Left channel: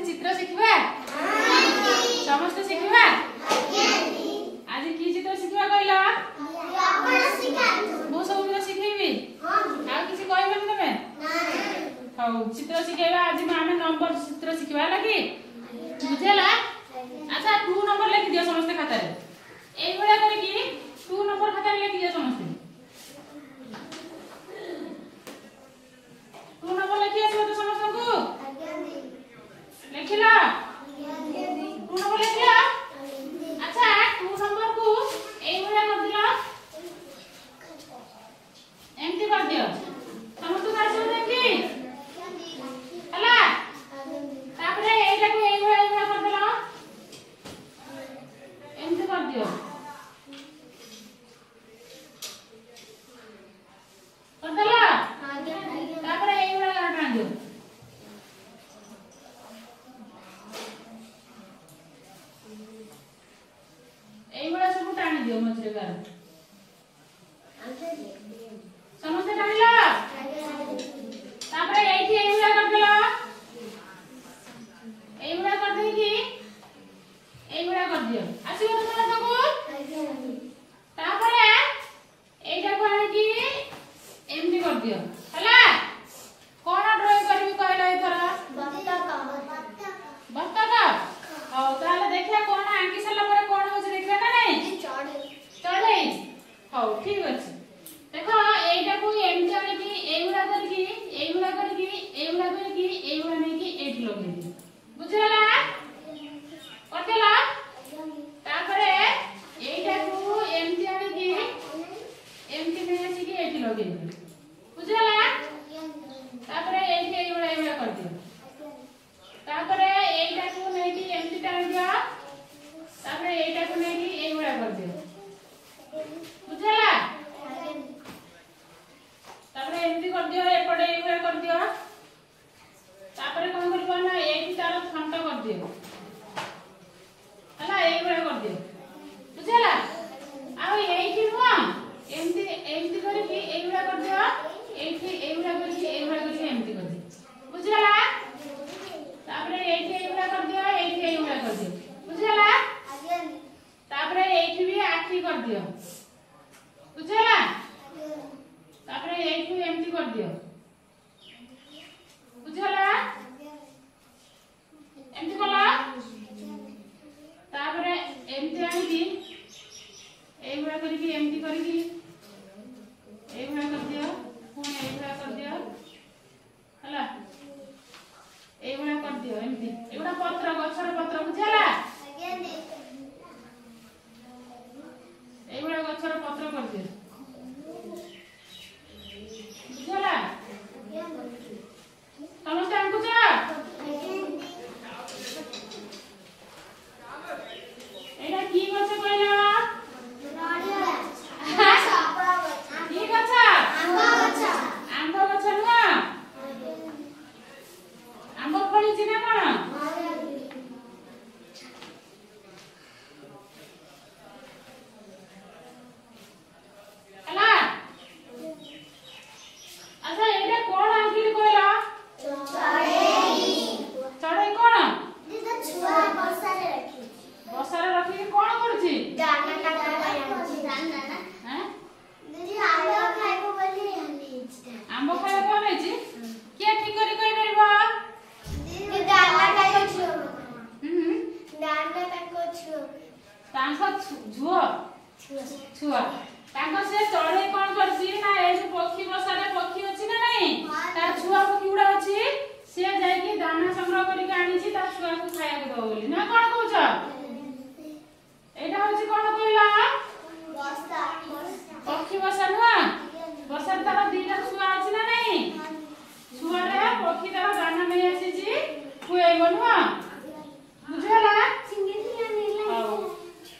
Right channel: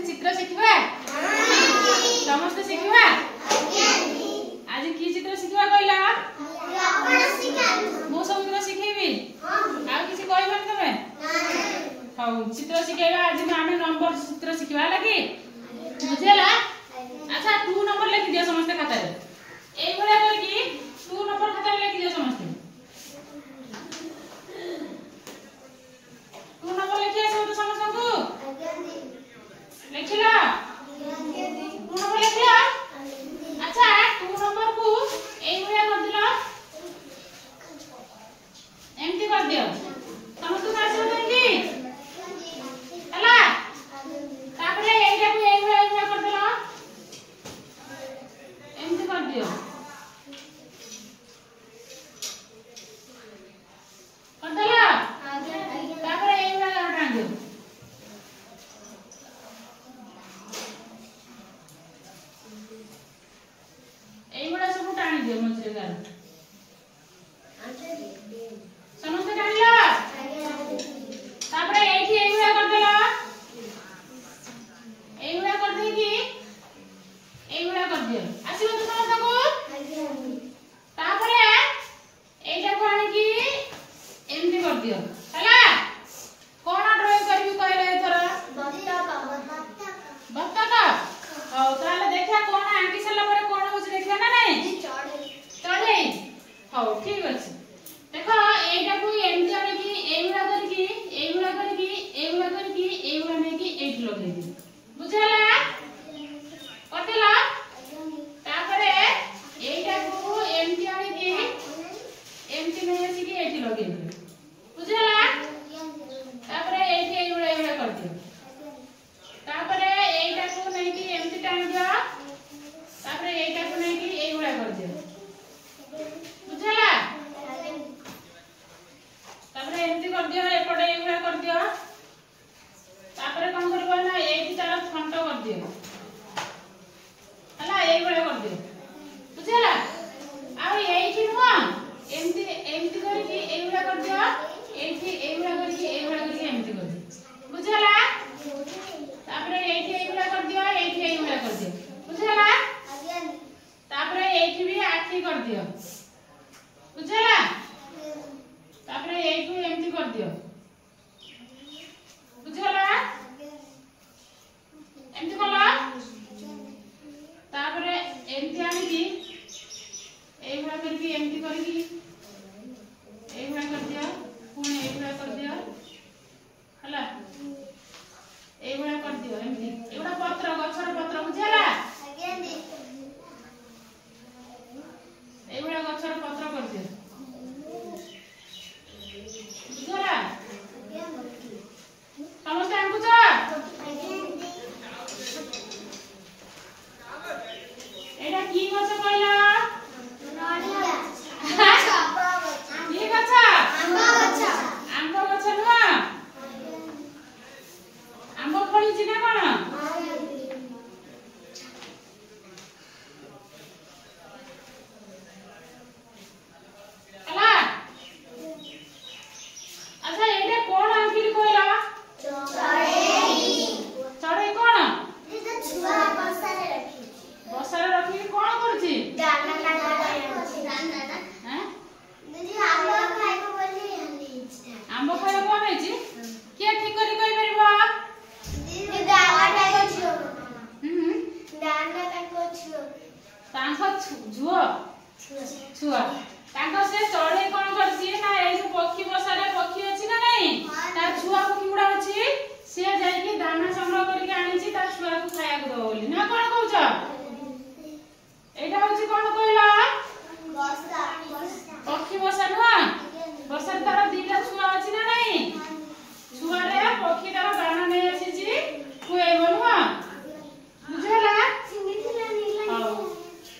आज चित्र शिखा समस्त शिखा आज कि चित्र शिखा कहला मु सब शिखेबी आ किसी कहबनी तमे हाउ चित्र शिखेबा आज आमे नंबर चित्र शिखवा लगी बुझेला। अच्छा 2 नंबर लिखि दियो समस्त खाता रे एई भला करके 2 नंबर खाता रे लिखि दियो समस्त 2 नंबर लिखि आसो तो समस्त को लिखिला 2 नंबर लिखिला। अच्छा 2 नंबर को एई भला कर दिला एमती कर दियो समस्त को आसो देंगी हला तापरे एइटा को एई भला कर दिला एमती कर दियो कर दिला तापरे एई भला कर दियो एई भला सब टाणी दियो मझे गार समस्त टाणीला तापरे एठी एई भला कर दिला एई भला कर दे कि एई भला कर दियो आसीबो तो समस्त को तापरे एइटा को आनी कि एमती कर दियो हला कोन ड्राइंग करबी कहला एथरा बत्तक हाउ ताले देखा कोन आंकी सला परे कोन होछ देखबा ना नहीं चढ़ई हाउ ठीक अछि देखो एइटा को एमती आनी कि एइबा करके एइबा करके एइबा करके एइबा नै कि एट लगे दी बुझला कतेला तापरे एइटा को एमती आनी कि एमती नै आसी कि एट लगे दी बुझला तापरे एइठी एइबा कर दियो तापरे एइटा को नै कि एमती टाणी दियो तापरे एइटा को नै कि एइबा कर दियो बुझला तापरे एमती कर दियो एपटे एइबा कर दियो तापरे कोन करबो ना एइठी तार खंड कर दियो हला एइबा कर दियो बुझला आ एइठी नुआ एमती एमती करके एइबा कर दियो एइठी एइबा करके एमती कर दियो बुझला तापरे एइठी एइबा कर दियो एइठी एइबा कर दियो बुझला तापरे एइठी भी आठी कर दियो बुझला तापरे एइठी एमती कर दियो बुझला एमती कला तापरे एमती आनी की एइबा करके एमती करके एइबा कर दियो पुणी एइबा कर दियो हला एइबा कर दियो एमती एगुडा पत्र गछर पत्र बुझला एइबा गछर पत्र कर दियो बुझला समस्त आंकुच एटा की गछ कहला की गछ आंब गछ नुआ आंब फळिछि ना कोन हला अच्छा एटा कोन आंकिल कहला चढ़ई कोन बसारे रखी कोन करछि आंब खाइबा कोन हैछि के ठीक करी कहि परबा झुओ छुआ तांको से चढ़ई कोन करछि ना ए जो पक्षी बसारे पक्षी अछि ना नहीं तार छुआ पक्षी उडा अछि से जाई कि दाना संग्रह करी के आनी छी तार छुआ को खाया को दो बोली ना कोन